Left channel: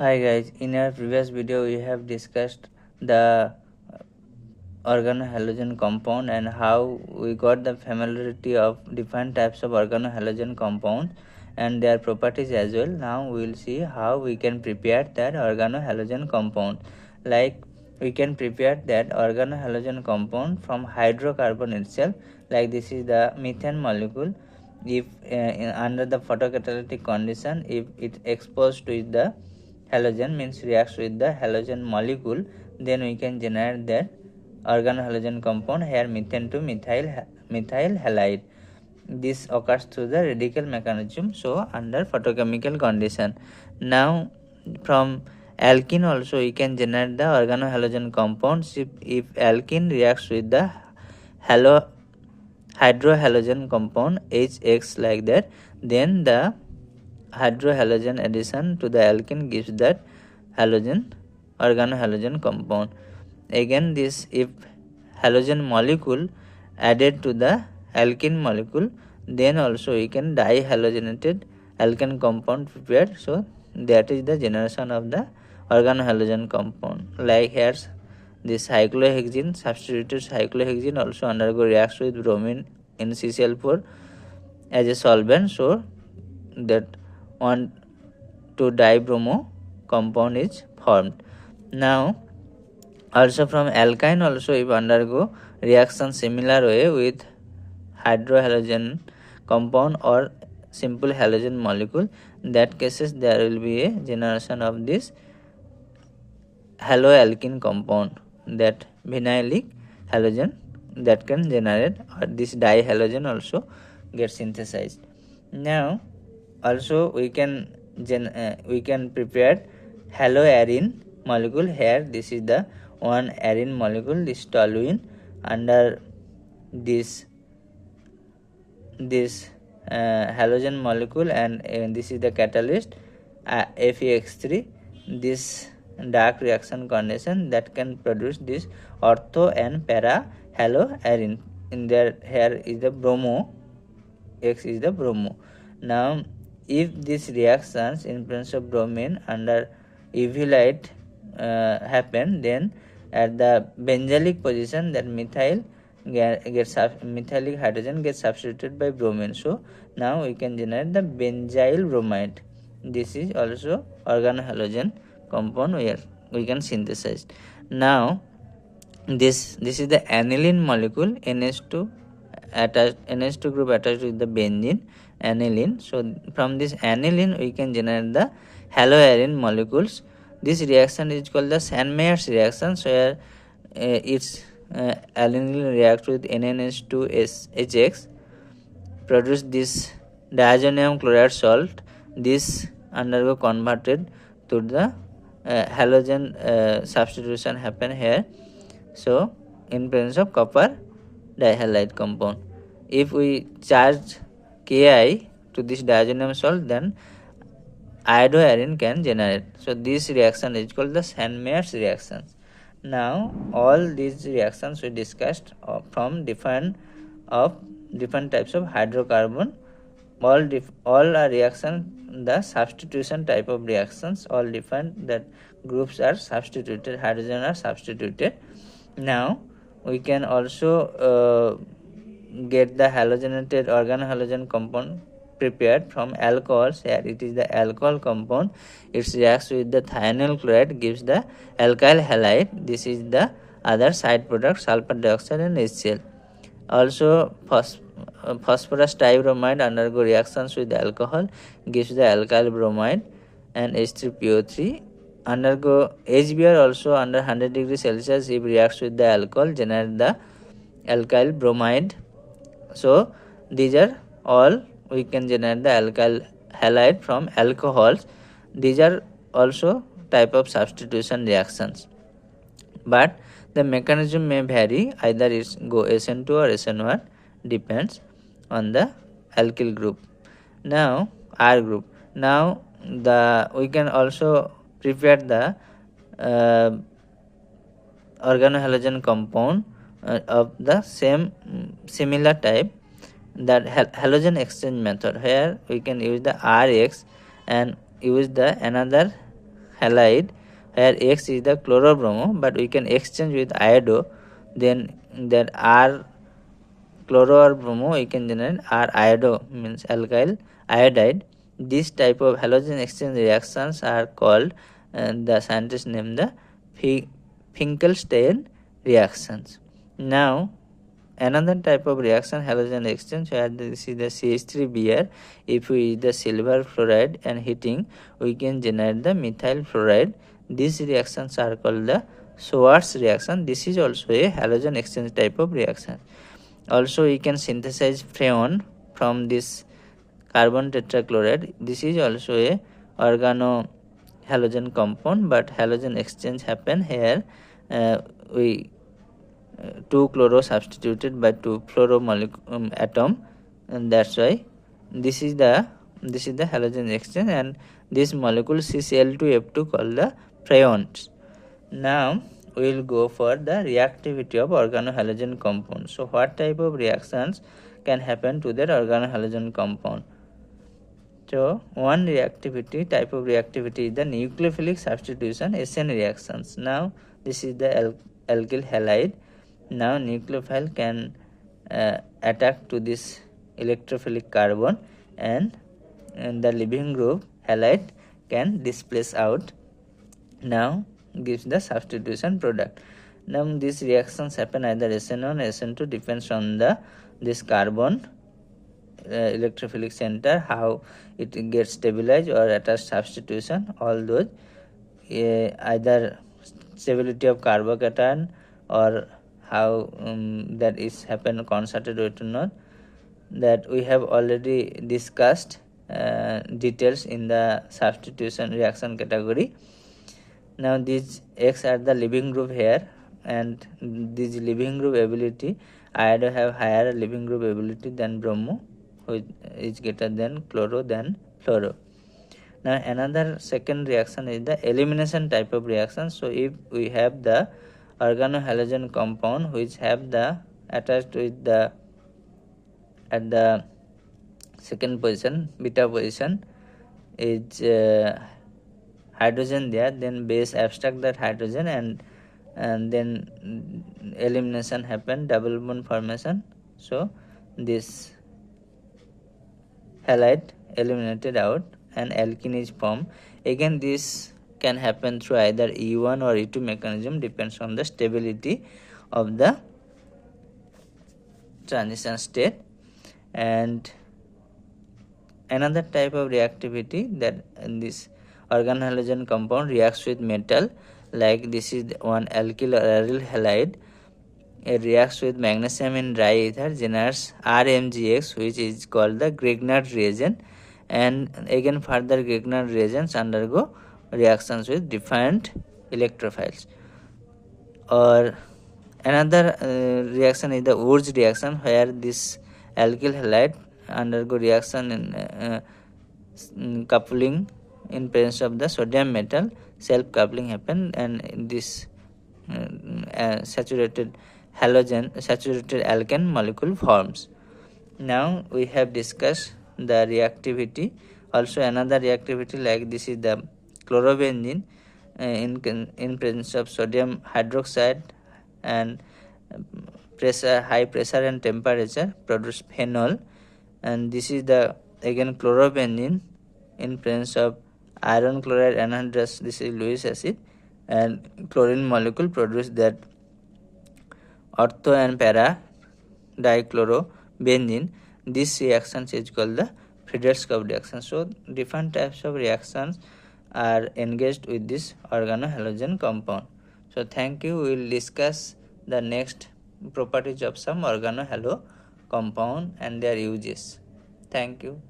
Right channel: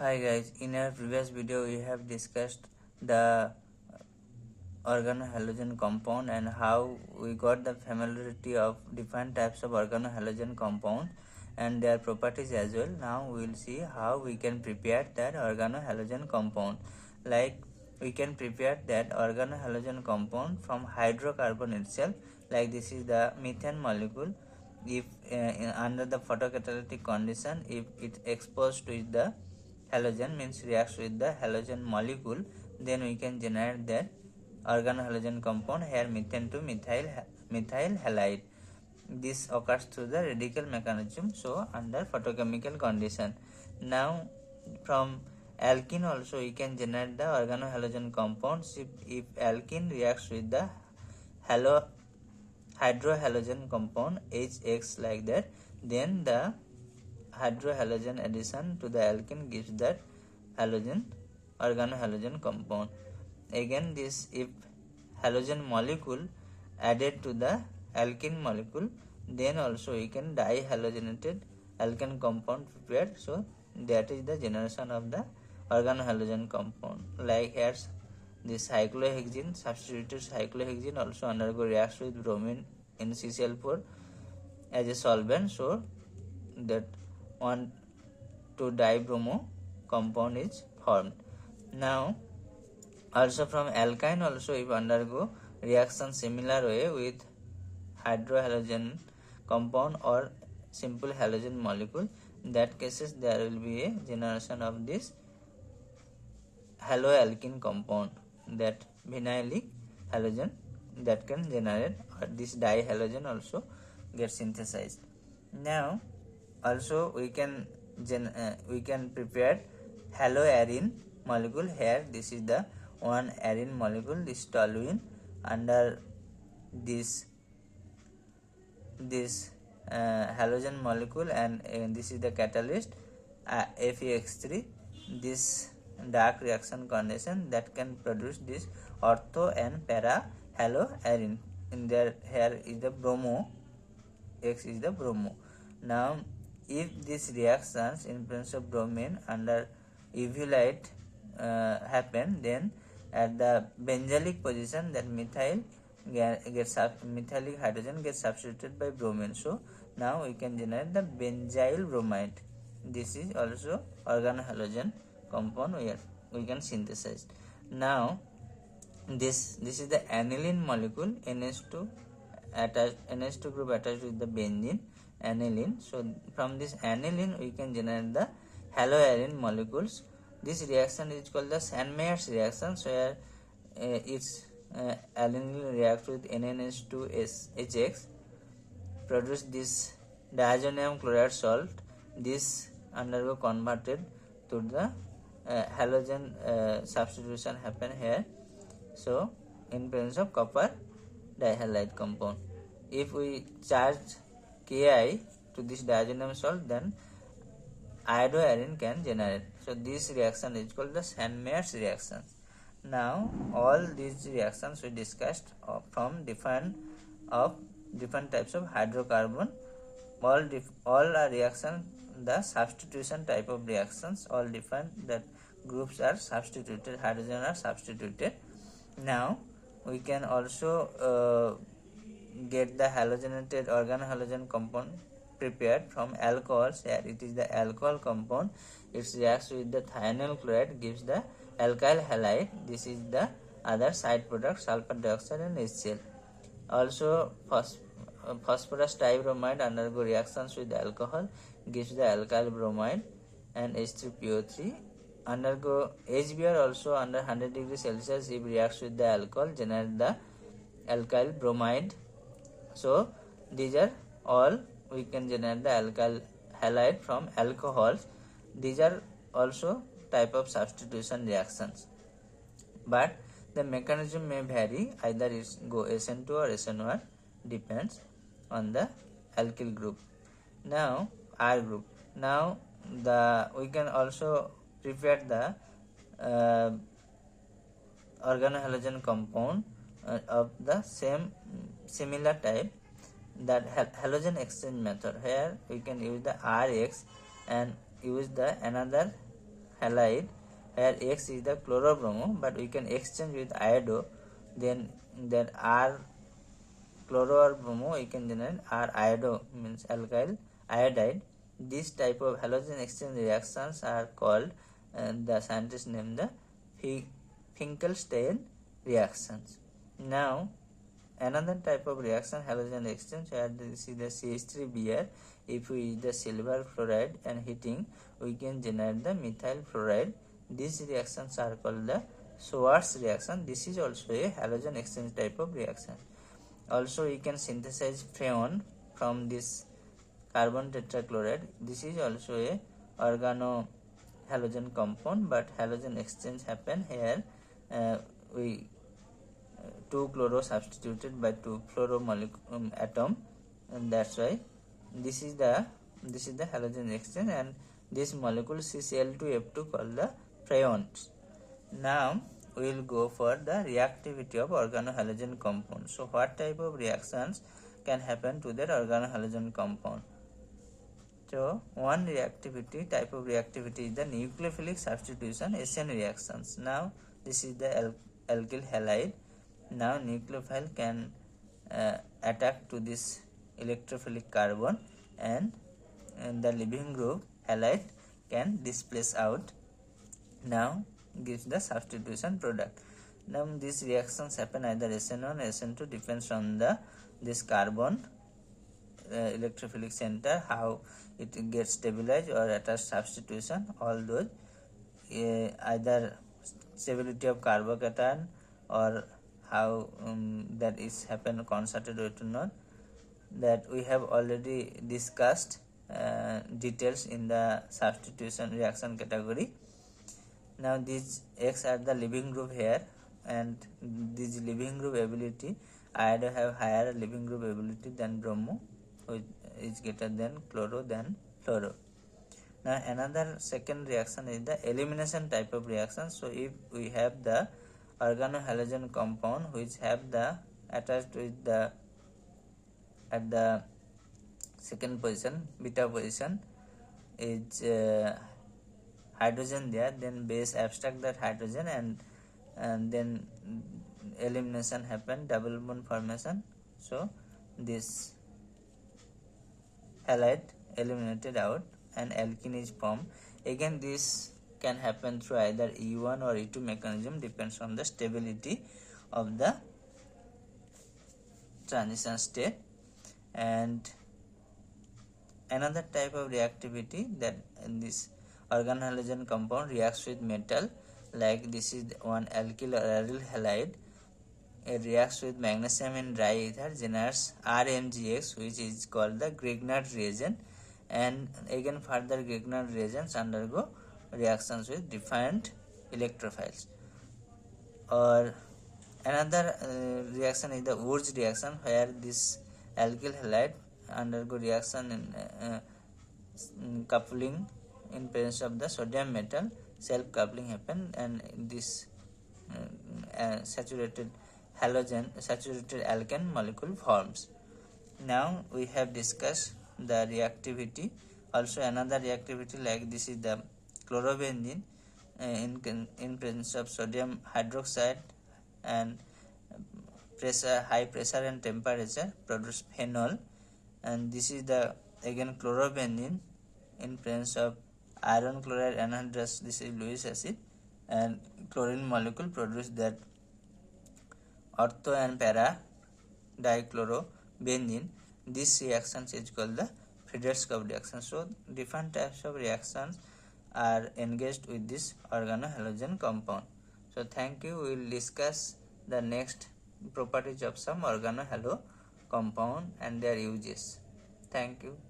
Hi guys, in our previous video we have discussed the organohalogen compound and how we got the familiarity of different types of organohalogen compounds and their properties as well. Now we will see how we can prepare that organohalogen compound. Like we can prepare that organohalogen compound from hydrocarbon itself. Like this is the methane molecule. If under the photocatalytic condition, if it exposed with the halogen, means reacts with the halogen molecule, then we can generate that organohalogen compound, here methane to methyl halide. This occurs through the radical mechanism, so under photochemical condition. Now from alkene also we can generate the organohalogen compounds. If alkene reacts with the hydrohalogen compound HX like that, then the hydrohalogen addition to the alkene gives that organohalogen compound. Again, this if halogen molecule added to the alkene molecule, then also we can dihalogenated alkene compound prepared. So that is the generation of the organohalogen compound. Like here, this cyclohexene, substituted cyclohexene also undergo reacts with bromine in CCl4 as a solvent, so that 1,2-dibromo compound is formed. Now also from alkyne also if undergo reaction similar way with hydrohalogen compound or simple halogen molecule, in that cases there will be a generation of this haloalkene compound, that vinylic halogen that can generate, or this dihalogen also get synthesized. Now also we can prepare haloarine molecule. Here this is the one arine molecule, this toluene, under this halogen molecule, and this is the catalyst FeX3. This dark reaction condition that can produce this ortho and para haloarine. In there, here is the bromo, X is the bromo. Now if these reactions in presence of bromine under UV light happen, then at the benzylic position, that methylic hydrogen gets substituted by bromine. So now we can generate the benzyl bromide. This is also organohalogen compound where we can synthesize. Now this is the aniline molecule, NH2 group attached with the benzene, aniline. So from this aniline we can generate the haloarine molecules. This reaction is called the Sandmeyer's reaction, where its aniline reacts with NNH2HX, produce this diazonium chloride salt. This undergo converted to the halogen substitution happen here. So in presence of copper dihalide compound, if we charge Ki to this diazonium salt, then iodoarine can generate. So this reaction is called the Sandmeyer's reactions. Now all these reactions we discussed from different types of hydrocarbon. All are reaction, the substitution type of reactions, all different, that groups are substituted, hydrogen are substituted. Now we can also get the halogenated organohalogen compound prepared from alcohols. Here it is the alcohol compound, it reacts with the thionyl chloride, gives the alkyl halide. This is the other side product, sulfur dioxide and HCl. Also phosphorus dibromide undergo reactions with the alcohol, gives the alkyl bromide and H3PO3. Undergo HBr also under 100 degrees Celsius, if reacts with the alcohol, generate the alkyl bromide. So these are all we can generate the alkyl halide from alcohols. These are also type of substitution reactions, but the mechanism may vary, either it's go SN2 or SN1, depends on the alkyl group. Now R group. Now we can also prepare the organohalogen compound of the similar type, that halogen exchange method. Here we can use the Rx and use the another halide, where X is the chlorobromo, but we can exchange with iodo, then that R chloro or bromo we can generate R iodo, means alkyl iodide. This type of halogen exchange reactions are called, the scientists name the Finkelstein reactions. Now another type of reaction, halogen exchange, where this is the CH3Br. If we use the silver fluoride and heating, we can generate the methyl fluoride. These reactions are called the Schwarz reaction. This is also a halogen exchange type of reaction. Also we can synthesize freon from this carbon tetrachloride. This is also a organo-halogen compound, but halogen exchange happen here. We 2 chloro substituted by 2 fluoro atom, and that's why this is the halogen exchange, and this molecule CCl2F2 called the freons. Now we will go for the reactivity of organohalogen compound. So what type of reactions can happen to that organohalogen compound? So one reactivity type of reactivity is the nucleophilic substitution SN reactions. Now this is the alkyl halide. Now nucleophile can attack to this electrophilic carbon, and the leaving group halide can displace out. Now gives the substitution product. Now these reactions happen either SN1 or SN2, depends on the this carbon electrophilic center, how it gets stabilized or attached substitution. All those either stability of carbocation or how that is happen concerted weight or not, that we have already discussed details in the substitution reaction category. Now these X are the leaving group here, and this leaving group ability, iodo have higher leaving group ability than bromo, which is greater than chloro than fluoro. Now another second reaction is the elimination type of reaction. So if we have the organohalogen compound which have the attached with the at the second position, beta position is hydrogen there, then base abstract that hydrogen, and then elimination happen, double bond formation. So this halide eliminated out and alkene is formed. Again this can happen through either E1 or E2 mechanism, depends on the stability of the transition state. And another type of reactivity, that this organohalogen compound reacts with metal, like this is one alkyl or aryl halide. It reacts with magnesium in dry ether, generates RMgX, which is called the Grignard reagent, and again further Grignard reagents undergo reactions with different electrophiles. Or another reaction is the Wurz reaction, where this alkyl halide undergo reaction in coupling in presence of the sodium metal, self coupling happen, and this saturated alkane molecule forms. Now we have discussed the reactivity. Also another reactivity, like this is the chlorobenzene in presence of sodium hydroxide and high pressure and temperature produce phenol, and this is the again chlorobenzene in presence of iron chloride anhydrous, this is Lewis acid, and chlorine molecule produce that ortho and para dichlorobenzene. This reaction is called the Friedrich-Koch reaction. So different types of reactions are engaged with this organohalogen compound. So thank you. We will discuss the next properties of some organohalo compound and their uses. Thank you.